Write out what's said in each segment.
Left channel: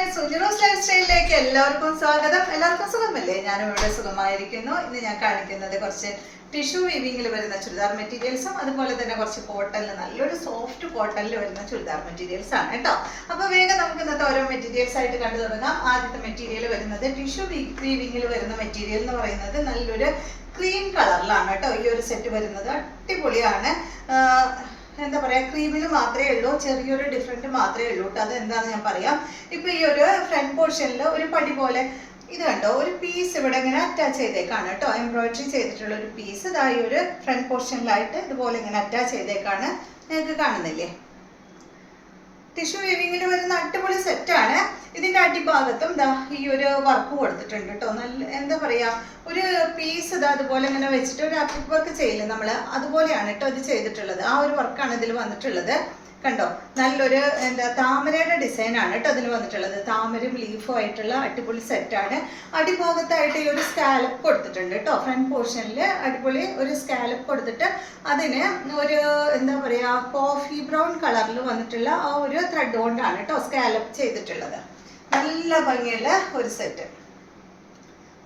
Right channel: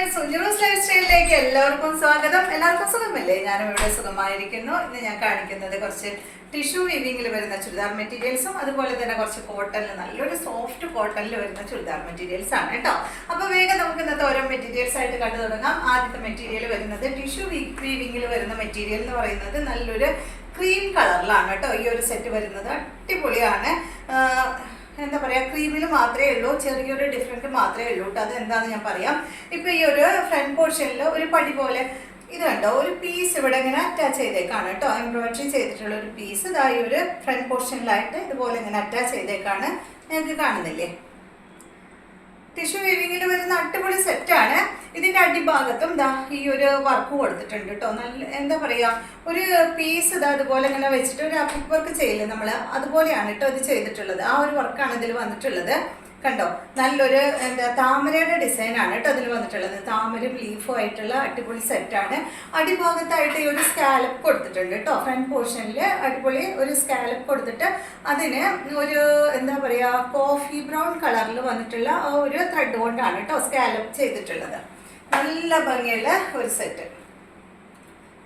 Friends, സുജിറോസ് life സ്റ്റൈലിലേക്ക് എല്ലാവർക്കും സ്വാഗതം. എല്ലാവർക്കും സുഖമല്ലേ? ഞാനും ഇവിടെ സുഖമായിരിക്കുന്നു. ഇന്ന് ഞാൻ കാണിക്കുന്നത് കുറച്ച് ടിഷ്യൂ വീവിങ്ങിൽ വരുന്ന ചുരിദാർ മെറ്റീരിയൽസും അതുപോലെ തന്നെ കുറച്ച് കോട്ടണിൽ, നല്ലൊരു സോഫ്റ്റ് കോട്ടണിൽ വരുന്ന ചുരിദാർ മെറ്റീരിയൽസ് ആണ് കേട്ടോ. അപ്പോൾ വേഗം നമുക്ക് ഇന്നത്തെ ഓരോ മെറ്റീരിയൽസ് ആയിട്ട് കണ്ടു തുടങ്ങാം. ആദ്യത്തെ മെറ്റീരിയൽ വരുന്നത് ടിഷ്യൂ വീവിങ്ങിൽ വരുന്ന മെറ്റീരിയൽ എന്ന് പറയുന്നത് നല്ലൊരു ക്രീം കളറിലാണ് കേട്ടോ. ഈ ഒരു സെറ്റ് വരുന്നത് അടിപൊളിയാണ്. എന്താ പറയുക, ക്രീമിൽ മാത്രമേ ഉള്ളൂ, ചെറിയൊരു ഡിഫറൻറ്റ് മാത്രമേ ഉള്ളൂ കേട്ടോ. അത് എന്താണെന്ന് ഞാൻ പറയാം. ഇപ്പോൾ ഈ ഒരു ഫ്രണ്ട് പോർഷനിൽ ഒരു പടി പോലെ ഇത് കണ്ടോ, ഒരു പീസ് ഇവിടെ ഇങ്ങനെ അറ്റാച്ച് ചെയ്തേക്കാണ് കേട്ടോ. എംബ്രോയിഡറി ചെയ്തിട്ടുള്ള ഒരു പീസ് ഇതാ ഈ ഒരു ഫ്രണ്ട് പോർഷനിലായിട്ട് ഇതുപോലെ ഇങ്ങനെ അറ്റാച്ച് ചെയ്തേക്കാണ്. നിങ്ങൾക്ക് കാണുന്നില്ലേ? ടിഷ്യൂ വീവിങ്ങിൽ വരുന്ന അടിപൊളി സെറ്റാണ്. ഇതിൻ്റെ അടിഭാഗത്തും ഇതാ ഈ ഒരു വർക്ക് കൊടുത്തിട്ടുണ്ട് കേട്ടോ. നല്ല എന്താ പറയുക, ഒരു പീസ് ഇതാ അതുപോലെ ഇങ്ങനെ വെച്ചിട്ട് ഒരു അപ്പ് വർക്ക് ചെയ്യില്ലേ നമ്മൾ, അതുപോലെയാണ് കേട്ടോ ഇത് ചെയ്തിട്ടുള്ളത്. ആ ഒരു വർക്കാണ് ഇതിൽ വന്നിട്ടുള്ളത്. കണ്ടോ, നല്ലൊരു എന്താ താമരയുടെ ഡിസൈനാണ് കേട്ടോ അതിൽ വന്നിട്ടുള്ളത്. താമരയും ലീഫും ആയിട്ടുള്ള അടിപൊളി സെറ്റാണ്. അടിഭാഗത്തായിട്ട് ഈ ഒരു സ്കാലപ്പ് കൊടുത്തിട്ടുണ്ട് കേട്ടോ. ഫ്രണ്ട് പോർഷനിൽ അടിപൊളി ഒരു സ്കാലപ്പ് കൊടുത്തിട്ട് അതിന് ഒരു എന്താ പറയുക, കോഫി ബ്രൗൺ കളറിൽ വന്നിട്ടുള്ള ആ ഒരു ത്രെഡ് കൊണ്ടാണ് കേട്ടോ സ്കാലപ്പ് ചെയ്തിട്ടുള്ളത്. നല്ല ഭംഗിയുള്ള ഒരു സെറ്റ്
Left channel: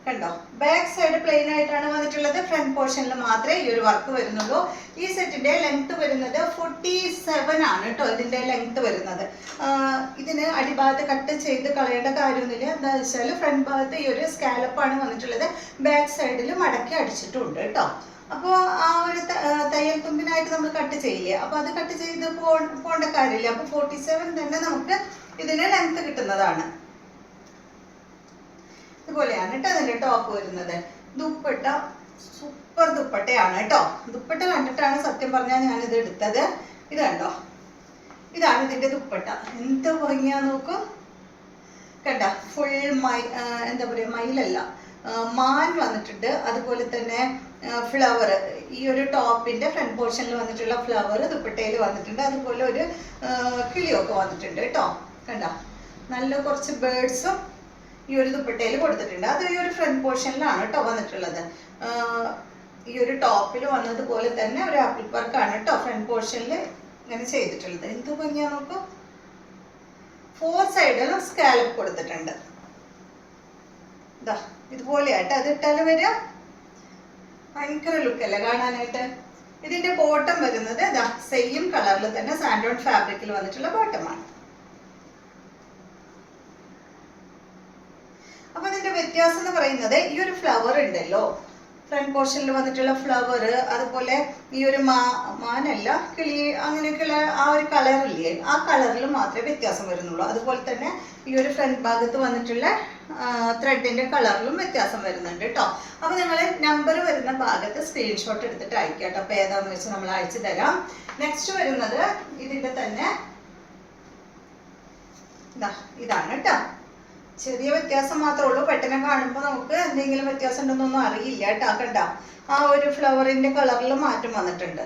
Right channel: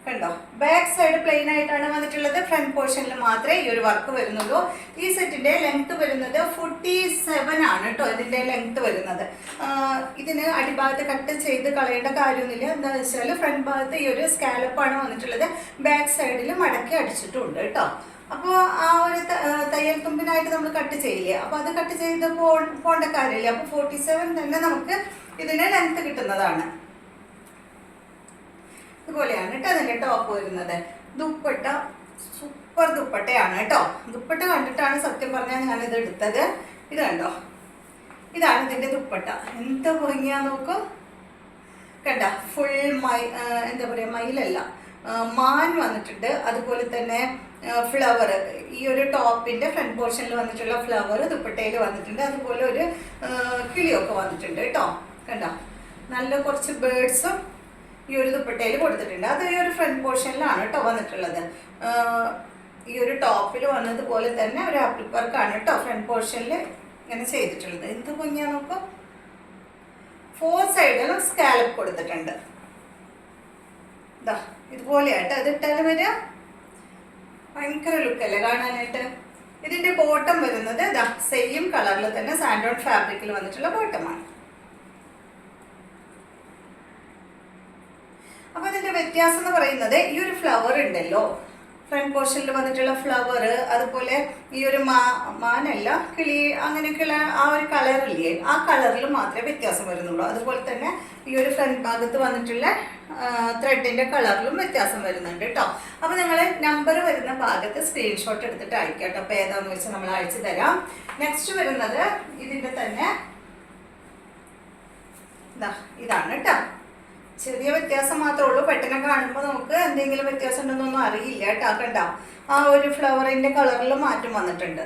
കണ്ടോ. ബാക്ക് സൈഡ് പ്ലെയിൻ ആയിട്ടാണ് വന്നിട്ടുള്ളത്. ഫ്രണ്ട് പോർഷനിൽ മാത്രമേ ഈ ഒരു വർക്ക് വരുന്നുള്ളൂ. ഈ സെറ്റിന്റെ ലെങ്ത് വരുന്നത് 47 ആണ് കേട്ടോ. ഇതിന്റെ ലെങ്ത് വരുന്നത്. ഇതിന് അടിഭാഗത്ത് കട്ട് ചെയ്ത് കളയേണ്ട കാര്യമൊന്നുമില്ല. എന്താ വെച്ചാൽ ഫ്രണ്ട് ഭാഗത്ത് ഈ ഒരു സ്കാലപ്പാണ് വന്നിട്ടുള്ളത്. ബാക്ക് സൈഡിൽ മടക്കി അടിച്ചിട്ടുണ്ട് കേട്ടോ. അപ്പോൾ ആ ഒരു തയ്യൽ തുമ്പിനായിട്ട് നമ്മൾ കട്ട് ചെയ്യില്ലേ, അപ്പോൾ അത് കട്ട് ചെയ്ത് പോകേണ്ട കാര്യമില്ല. അപ്പോൾ 47 തന്നെ നമുക്ക് ഇതിന് ലെങ്ത് കിട്ടുന്നതാണ്. ഇതുപോലെയാണ് കേട്ടോ അതിൻ്റെ ടോപ്പ് വരുന്നത്. ദുപ്പട്ട സൂപ്പർ ദുപ്പട്ടയാണ് കേട്ടോ. ദുപ്പട്ട കണ്ടിട്ടാണ് സത്യം പറഞ്ഞാൽ ഞാനിത് എടുത്തത്. ഇത് കണ്ടോ, ഇതാണ് ഇതിൻ്റെ ദുപ്പട്ട. എന്ത് ഭംഗിയാ നോക്കൂ. കണ്ട, ഫുൾ എന്താ പറയുക, മയിലല്ല, മാൻ വന്നിട്ടുണ്ട്. അതുപോലെ തന്നെ ഫ്ലവർ, ഈ ഒരു ടോപ്പിൻ്റെ ഫ്രണ്ട് പോർഷനിൽ വന്നിട്ടുള്ള ഫ്ലവർ ദുപ്പട്ടയിൽ വന്നിട്ടുണ്ട്. അതുപോലെ ഒരു കിളിയൊക്കെ വന്നിട്ടുണ്ട് കേട്ടോ. കണ്ടോ, നല്ല കുറച്ച് ബേർഡ്സും ഈ ഒരു ദുപ്പട്ടയിൽ കൊടുത്തിട്ടുണ്ട്. അത് ഈ ഒരു ഫ്രണ്ട് പോർഷനിലാണ് കേട്ടോ വന്നിട്ടുള്ളത്. ഈ ഒരു ടോപ്പിൽ വന്നതുപോലെ തന്നെ ഒരു ആപ്പിൾ വർക്കാണ് കേട്ടോ ഫ്രണ്ട് പോർഷനിൽ ഇങ്ങനെ ചെയ്തിട്ടുള്ളത്. എന്ത് ഭംഗിയാ നോക്കൂ. 4 സൈഡിലും സ്കാലപ്പ് കൊടുത്തിട്ടുണ്ട്. ഇതാ ഇതുപോലെയായിട്ട് അത് ഇട്ടാൽ വരിക ഭയങ്കര ലുക്കല്ലേ കാണാനായിട്ട്. ഇതിന്റെ ബോട്ടം വരുന്നത് ഇതാ സെയിം കളറിൽ തന്നെ സാൻഡോൺ ഫാബ്രിക്കിൽ വന്നിട്ടുള്ള ബോട്ടമാണ്. അപ്പൊ ഇതിന്റെ വ്യത്യാസം എന്ന് പറയുന്നത് ഈ ഒരു ഫ്ലവർ ഉണ്ടല്ലോ, ഫ്രണ്ട് പോർഷനിൽ വന്നിട്ടുള്ള ഫ്ലവർ, അതുപോലെ ഈ ഒരു മാനല്ല കിളി അങ്ങനെയൊക്കെയുള്ള ആ ഒരു കളറില്ലേ, ആ കളറിൽ മാത്രമേ വ്യത്യാസം വരുന്നുള്ളൂ. അതുപോലെ തന്നെ ഈ ഒരു ഫ്രണ്ട് ഭാഗത്ത് വന്നിട്ടുള്ള ത്രെഡിന്റെ കളറിലും വ്യത്യാസം വരുന്നുണ്ട് കേട്ടോ. അപ്പൊ നിങ്ങൾ നമ്പർ വരുന്ന ഭാഗത്ത് സ്ക്രീൻഷോട്ട് എടുത്തിട്ട് അയക്കാം കേട്ടോ. അപ്പൊ ഏതാന്ന് വെച്ചാൽ നമ്മൾ അയച്ചു തരാം. നെക്സ്റ്റ് വരുന്നത് ഇതിന്റെ തന്നെ ഇതാണ് കേട്ടോ. ചെറിയ വ്യത്യാസം മാത്രമേ ഉള്ളൂ. പെട്ടെന്ന് കാണുമ്പോൾ നമുക്ക് എന്തെങ്കിലും വ്യത്യാസം ഉണ്ടെന്നൊന്നും അറിയില്ല കേട്ടോ. കണ്ട, ആ ഒരു ഫ്ലവറിന്റെ കളറിൽ മാറ്റം വന്നിട്ടുണ്ട്.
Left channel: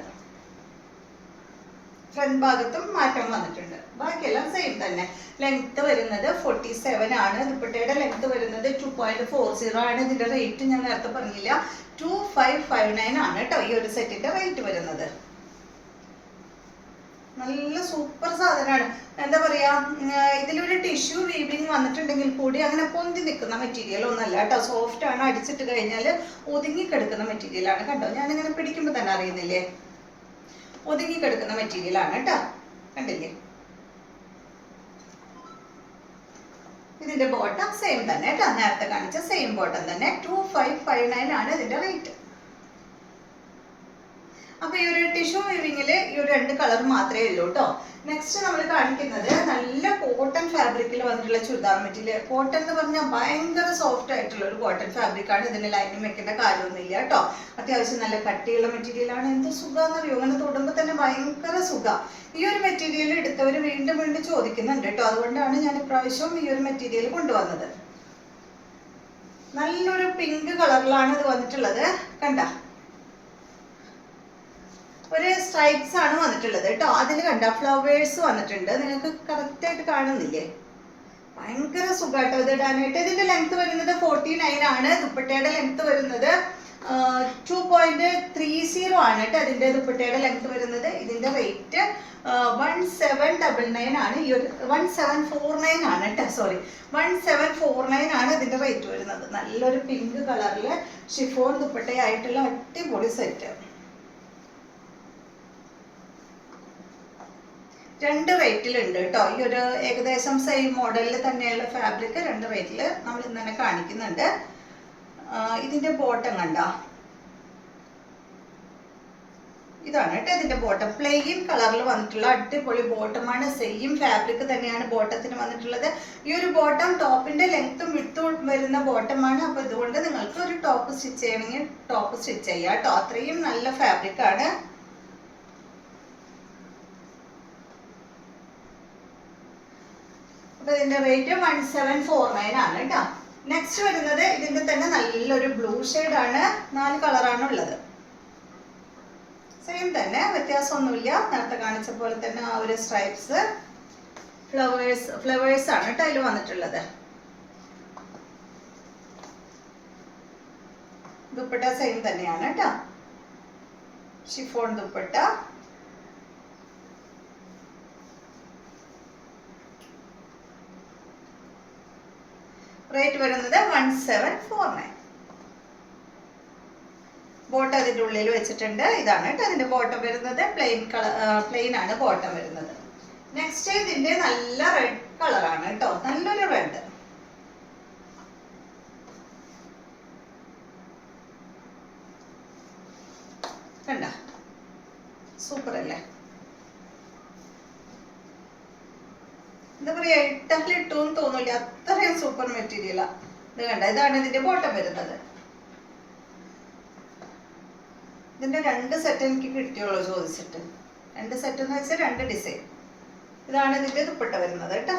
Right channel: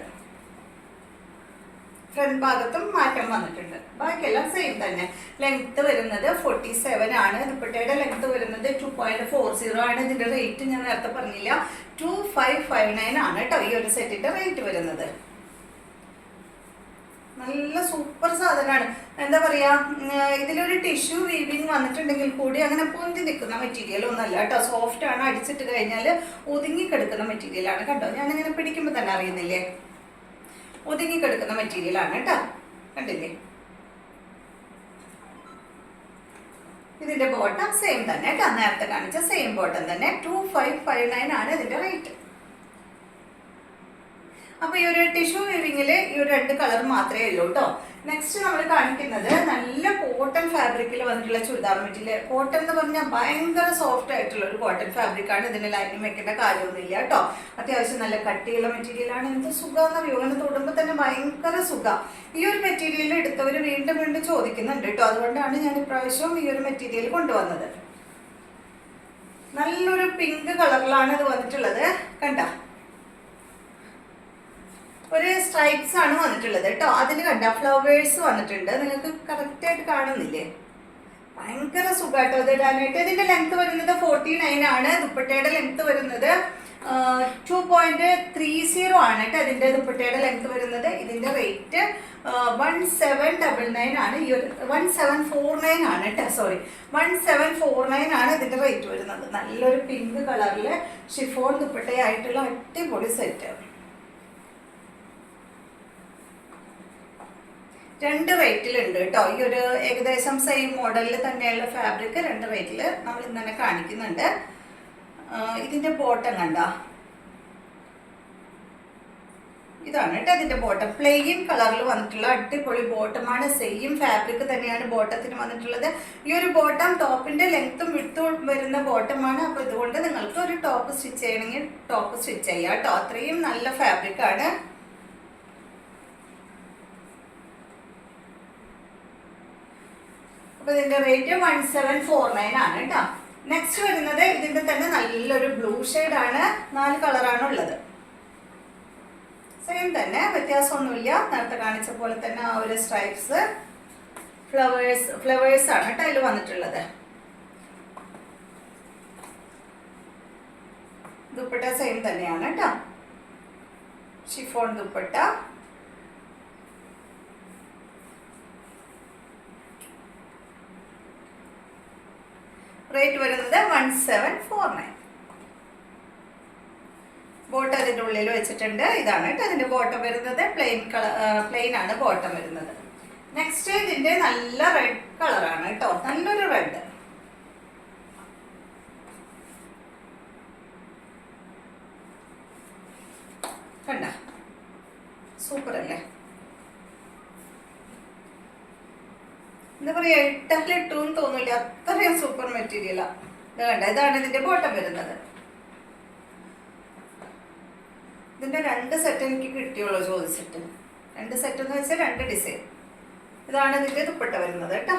ഫ്രണ്ട് ഭാഗത്തും മാറ്റം വന്നിട്ടുണ്ട്. ബാക്കിയെല്ലാം സെയിം തന്നെ. ലെങ്ത് വരുന്നത് 47 ആണ്. ദുപ്പട്ടയുടെ ലെങ്ത് വരുന്നത് 2.40 ആണ്. ഇതിന്റെ റേറ്റ് ഞാൻ നേരത്തെ പറഞ്ഞില്ല, 2559 ആണ് കേട്ടോ ഈ ഒരു സെറ്റിന്റെ റേറ്റ് വരുന്നത്. നല്ല സൂപ്പർ സാധനമാണ്. എന്താ പറയാ, ഇതിലൊരു ടിഷ്യൂ വീവിങ് വന്നിട്ടുണ്ടെങ്കിൽ കൂടി അങ്ങനെ പൊന്തി നിൽക്കുന്ന മെറ്റീരിയൽ ഒന്നല്ല കേട്ടോ. സോഫ്റ്റ് ആണ്. അടിച്ചിട്ട് കഴിഞ്ഞാൽ ഒതുങ്ങിക്കെടുക്കുന്ന മെറ്റീരിയലാണ്. കണ്ടോ, ഞാനിങ്ങനെ പിടിക്കുമ്പോൾ തന്നെ അറിയുന്നില്ലേ, ഒതുങ്ങിക്കെടുക്കുന്ന മെറ്റീരിയലാണ് കേട്ടോ. കണ്ടില്ലേ? ഇതിന്റെ ബോട്ടം സെയിം തന്നെ കേട്ടോ. നേരത്തെ കാണിച്ച സെയിം ബോട്ടം തന്നെ. 2559 ആണ് ഇതിന്റെ റേറ്റ്. അപ്പൊ ഈ ഒരു ടിഷ്യൂ വീവിങ്ങില് ഈ ഒരു 2 കളർ മാത്രമേ ഉള്ളൂ കേട്ടോ. നെക്സ്റ്റ് നമ്മൾ കാണിക്കുന്നത് നല്ല കോട്ടൺ ഫാബ്രിക്കിൽ വന്നിട്ടുള്ള ചുരിദാർ മെറ്റീരിയൽ. കോട്ടൺ എന്ന് പറഞ്ഞാൽ ഭയങ്കര സോഫ്റ്റ് ആയിട്ടുള്ള ഒരു കോട്ടൺ ഫാബ്രിക്കാണ്. ഇതിന് ലൈനിങ് വെക്കേണ്ട കാര്യമൊന്നുമില്ല കേട്ടോ. അത്യാവശ്യം നല്ല കട്ടിയുള്ള മെറ്റീരിയലാണ്. എന്ത് സുഖമെന്നറിയോ, അങ്ങനെ തൊടുമ്പോൾ തന്നെ ഭയങ്കര സുഖം. ഈ ഒരു മെറ്റീരിയൽ എടുത്തവർ വീണ്ടും വീണ്ടും ചോദിക്കുന്നുണ്ട് കേട്ടോ. അതുകൊണ്ടാണ് ഞാൻ ഇപ്രാവശ്യം ഈ ഒരു മെറ്റീരിയൽ കൊണ്ടുവന്നത്. നല്ലൊരു പിങ്ക് കളറിലാണ് ഇത് വന്നിട്ടുള്ളത്. കണ്ട, ഒരു സ്ട്രൈപ്സ് ആണ് വന്നിട്ടുള്ളത് കേട്ടോ. അതിൽ കണ്ട ഫ്ലവേഴ്സ് വന്നിട്ടുണ്ട്. നിങ്ങൾക്ക് കറക്റ്റ് ആയിട്ട് കാണുന്നില്ലേ? ഭയങ്കര സുഖമായിട്ടോ ഇത് ഇടാനായിട്ട്. ഇതിന്റെ ലെങ്ത് വരുന്നത് 49 ആണ്. ദുപ്പട്ടയുടെ ലെങ്ത് വരുന്നത് 2.30 ആണ് കേട്ടോ ഇതിന്റെ ദുപ്പട്ടയുടെ ലെങ്ത് വരുന്നത്. ഇതിന്റെ റേറ്റ് 1799 ആണ്. ഈ ഒരു 1749 ആണ് കേട്ടോ, സോറി 1749 ആണ് ഇതിന്റെ റേറ്റ് വരുന്നത്. നല്ലൊരു പിങ്ക് കളറില് ഷിഫോൺ ദുപ്പട്ടയായിട്ടുള്ള അടിപൊളി സെറ്റ്. രണ്ട് റേറ്റിലുണ്ട് കേട്ടോ. ഈ ഒരു ഏകദേശം സെയിം മോഡലിൽ തന്നെയുള്ള ഫാബ്രിക് രണ്ട് റേറ്റിൽ നമ്മൾ ഇന്ന് തന്നെ കാണിക്കുന്നുണ്ട്. ഇതിന്റെ ബോട്ടം കണ്ട, ഇതാണ് കേട്ടോ ഇതിന്റെ ബോട്ടം. പ്ലെയിൻ കളറിൽ വന്നിട്ടുള്ള അടിപൊളി ബോട്ടമാണ്. സെയിം ഫാബ്രിക് തന്നെയാണ് ബോട്ടത്തിന് വന്നിട്ടുള്ളത്. ഈ ഒരു ബോട്ടം ടോപ്പിന്റെ ലെങ്ത്തും വിട്ടും വരുന്ന ബോട്ടമാണ്. അപ്പൊ ഇതുകൊണ്ട് നിങ്ങൾക്ക് ഒരു ടോപ്പ് സ്റ്റിച്ച് ചെയ്യണമെങ്കിൽ ടോപ്പ് സ്റ്റിച്ച് ചെയ്യാം കേട്ടോ. അത്രയും നല്ല ഫാബ്രിക് ആണ്. അപ്പൊ ഇതിന്റെ റേറ്റ് 1749 ആണ് കേട്ടോ. നെക്സ്റ്റ് വരുന്നത് ഇതിന്റെ തന്നെ നല്ലൊരു ബ്ലൂ ആണ്. 4 കളറാണ് ഉള്ളത്. സെയിം തന്നെ, വ്യത്യാസമൊന്നുമില്ല. നേരത്തെ കാണിച്ച പോലെ തന്നെ ആ ഒരു സ്ട്രൈപ്സ് ഫ്ലവേഴ്സ് ആണ് കേട്ടോ അതിൽ വന്നിട്ടുള്ളത്. ദുപ്പട്ട സെയിം തന്നെയാണ് കേട്ടോ, ഷിഫോൺ ദുപ്പട്ട. റേറ്റ് വരുന്നത് 1749. ബോട്ടം അതിൻ്റെ ഉള്ളിൽ വെച്ചിട്ടുണ്ട്. ഇതാണ് കേട്ടോ അതിന്റെ ബോട്ടം വരുന്നത്. പ്ലെയിൻ ആണ് ബോട്ടം വരുന്നത്. നെക്സ്റ്റ് ഇതിന്റെ നല്ല റെഡ് കളറാണ് കേട്ടോ, നല്ലൊരു റെഡ്. കണ്ട, സൂപ്പർ അല്ലേ? എന്താ പറയാ, ഇട്ടല്ലിട്ടൂന്ന് തോന്നില്ല, അത്രയും സൂപ്പർ മെറ്റീരിയലാ. ഇത് കണ്ട, ഇതാണ് ഇതിന്റെ ബോട്ടം വരുന്നത്. ഇതിന്റെ 2 സെറ്റ് എനിക്ക് കിട്ടിയുള്ളൂ ചോദിച്ചിട്ട്. 2 സെറ്റ് എന്ന് വെച്ചാൽ 2 ഡിസൈൻ. ഇതാണ് ഇതിന്റെ ദുപ്പട്ട വരുന്നത് കേട്ടോ.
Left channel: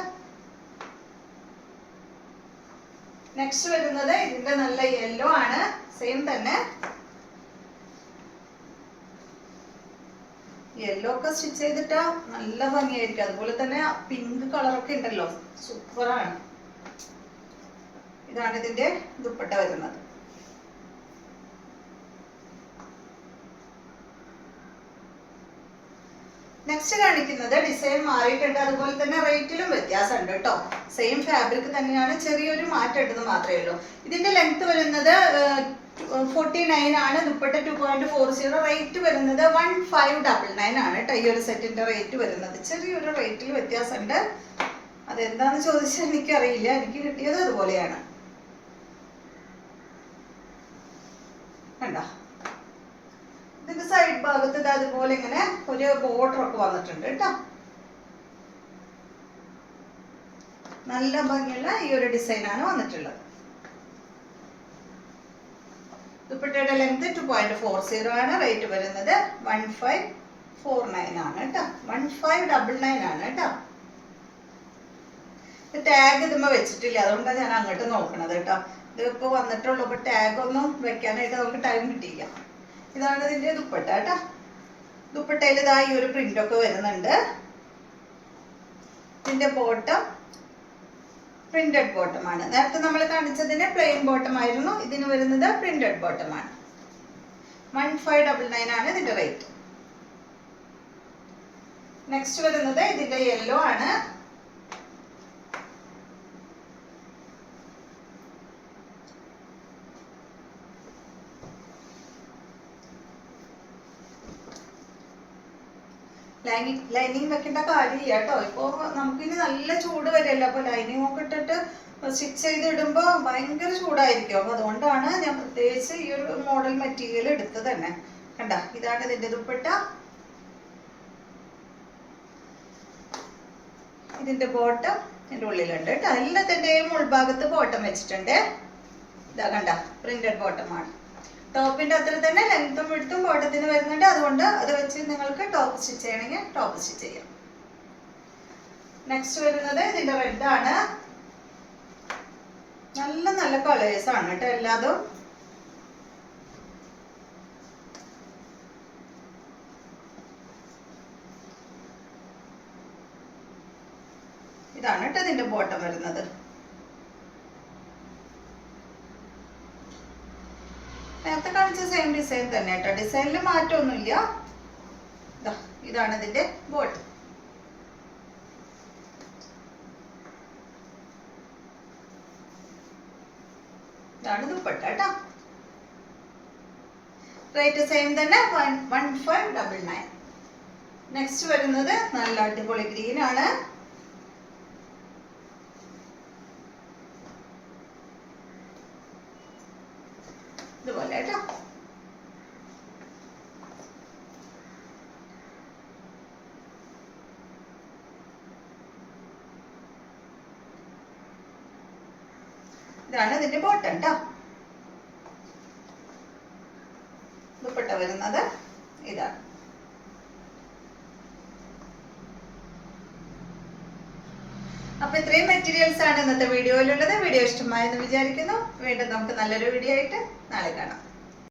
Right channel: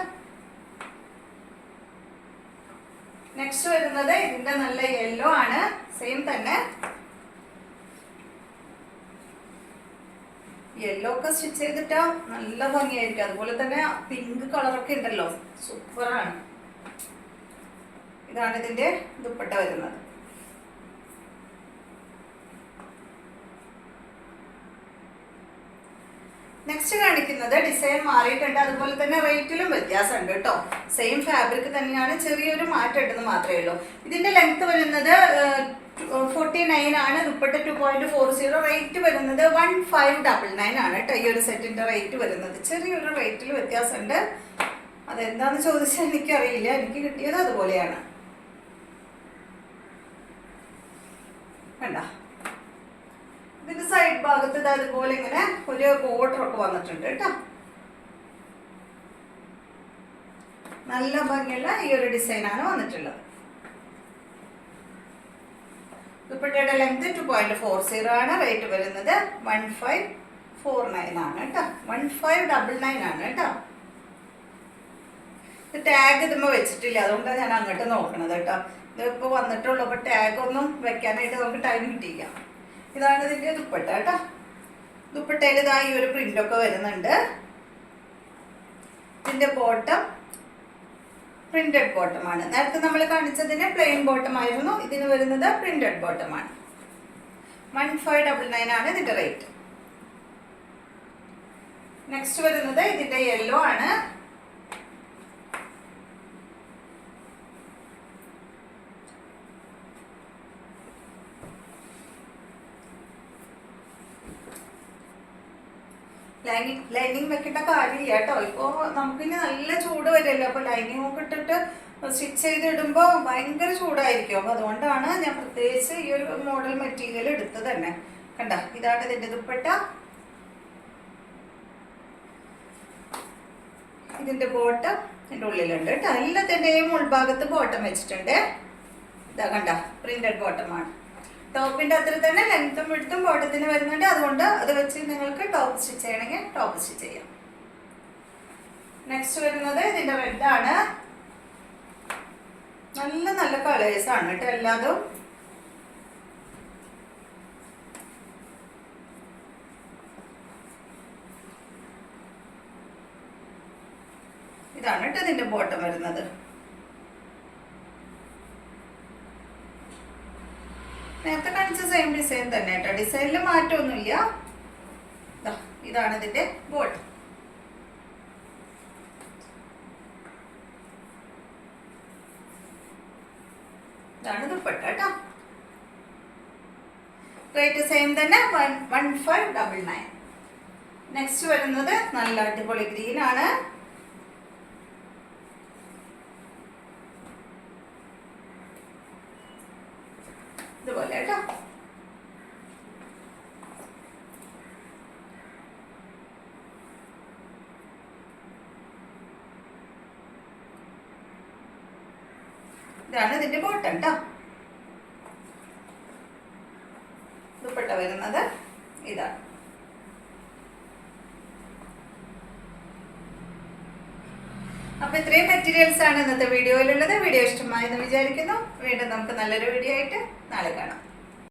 നെക്സ്റ്റ് വരുന്നത് ഇതിന്റെ നല്ല യെല്ലോ ആണ്. സെയിം തന്നെ യെല്ലോ ഒക്കെ സ്റ്റിച്ച് ചെയ്തിട്ടാ നല്ല ഭംഗിയായിരിക്കും. അതുപോലെ തന്നെ പിങ്ക് കളറൊക്കെ ഉണ്ടല്ലോ, സൂപ്പറാണ്. ഇതാണ് ഇതിന്റെ ദുപ്പട്ട വരുന്നത്. നെക്സ്റ്റ് കാണിക്കുന്നത് ഡിസൈൻ മാറിയിട്ടുണ്ട്. അതുപോലെ തന്നെ റേറ്റിലും വ്യത്യാസമുണ്ട് കേട്ടോ. സെയിം ഫാബ്രിക് തന്നെയാണ്, ചെറിയൊരു മാറ്റം ഉണ്ടെന്ന് മാത്രമേ ഉള്ളൂ. ഇതിന്റെ ലെങ്ത് വരുന്നത് 49 ആണ്. ദുപ്പട്ട 2.40. റേറ്റ് വരുന്നത് 1599 ആണ് കേട്ടോ. ഈ ഒരു സെറ്റിന്റെ റേറ്റ് വരുന്നത് ചെറിയൊരു റേറ്റിൽ വ്യത്യാസമുണ്ട്. അതെന്താന്ന് ചോദിച്ചാൽ എനിക്കറിയില്ല, എനിക്ക് കിട്ടിയത് അതുപോലെയാണ്. കണ്ട, ഇതിന്റെ സൈഡ് ഭാഗത്ത് അതുപോലെ ഇങ്ങനെ ഒരു ബോർഡർ ഒക്കെ വന്നിട്ടുണ്ട് കേട്ടോ. നല്ല ഭംഗിയുള്ള ഈ ഒരു ഡിസൈനാണ് വന്നിട്ടുള്ളത്. ദുപ്പട്ടയുടെ ലെങ്ത് 2.40 ആണ്. റേറ്റ് വരുന്നത് 1549 ആണ് കേട്ടോ. 1599 ആണ് കേട്ടോ. ടാഗ് ഇതുമ്പോ വെച്ചിട്ടില്ല, അതുകൊണ്ടാണ് ഞാൻ അങ്ങോട്ട് നോക്കണത് കേട്ടോ. ഇതിപ്പോ വന്നിട്ടുള്ളൂ, അപ്പൊ ടാഗ് ഒന്നും വെക്കാനായിട്ട് നമുക്ക് ടൈം കിട്ടിയില്ല. ഇതാണ് ഇതിന്റെ ദുപ്പട്ട കേട്ടോ. ദുപ്പട്ടയിൽ ഇതാ ഈ ഒരു പ്രിന്റ് ഒക്കെ വരുന്നുണ്ട്. ഇതിന്റെ ബോട്ടം പ്രിന്റഡ് ബോട്ടം ആണ്. നേരത്തെ നമ്മൾ കാണിച്ചതിന് പ്ലെയിൻ ബോട്ടം ആയിരുന്നു. ഇതിന് വരുന്നത് പ്രിന്റഡ് ബോട്ടം ആണ്. 1599 ആണ് ഇതിന്റെ റേറ്റ്. നെക്സ്റ്റ് വരുന്നത് ഇതിന്റെ യെല്ലോ ആണ്. ലൈനിങ് വെക്കേണ്ട കാര്യമില്ല കേട്ടോ. ഇപ്പൊ നമുക്കിനി നല്ല ചൂട് വരില്ല. അപ്പൊ ലൈനിങ് ഒക്കെ ഇട്ടിട്ട് സ്റ്റിച്ച് ചെയ്തിടുമ്പോ ഭയങ്കര ചൂടായിരിക്കും. അപ്പൊ അതുകൊണ്ടാണ് ഞാൻ പ്രത്യേകിച്ച് ഈ ഒരു മോഡൽ മെറ്റീരിയൽ എടുത്തത് തന്നെ. കണ്ട, ഇതാണ് ഇതിന്റെ ദുപ്പട്ട. ഇതിന്റെ ബോട്ടം ഇതിന്റെ ഉള്ളിലുണ്ട് കേട്ടോ. എല്ലാത്തിന്റെയും ഉൾഭാഗത്ത് ബോട്ടം വെച്ചിട്ടുണ്ട്. ഇതാ കണ്ട, പ്രിന്റഡ് ബോട്ടമാണ്. ടോപ്പിന്റെ അത്ര തന്നെ ലെങ്ത്തും വിഡ്ത്തും ബോട്ടത്തിന് വരുന്നുണ്ട്. അതുകൊണ്ട് അത് വെച്ച് നിങ്ങൾക്ക് ടോപ്പ് സ്റ്റിച്ച് ചെയ്യണമെങ്കിൽ ടോപ്പ് സ്റ്റിച്ച് ചെയ്യാം. നെക്സ്റ്റ് വരുന്നത് ഇതിന്റെ റെഡ് ആണ്. നല്ല നല്ല കളേഴ്സ് ആണ് കേട്ടോ എല്ലാതും. ഇതാണ് കേട്ടോ ഇതിന്റെ ബോട്ടം വരുന്നത്. നേരത്തെ കാണിച്ച സെയിം ഡിസൈൻ തന്നെ കേട്ടോ, ഡിസൈനിൽ മാറ്റമൊന്നുമില്ല. ഇതാണ് ഇതിന്റെ ബോട്ടം. ഇതാണ് ദുപ്പട്ട കേട്ടോ. റേറ്റ് സെയിം തന്നെ 1599. നെക്സ്റ്റ് വരുന്നത് നല്ല അടിപൊളി ഗ്രീൻ ആണ്. ഇതുപോലെ കേട്ടോ. ഇതാണ് ഇതിന്റെ ബോട്ടം കേട്ടോ. ദുപ്പട്ട വരുന്നത് ഇതാണ്. അപ്പൊ ഇത്രയും മെറ്റീരിയൽസ് ആണ് ഇന്നത്തെ വീഡിയോയിലുള്ളത്. വീഡിയോ ഇഷ്ടമായെന്ന് വിചാരിക്കുന്നു. വീണ്ടും നമുക്ക് നല്ലൊരു വീഡിയോ ആയിട്ട് നാളെ കാണാം.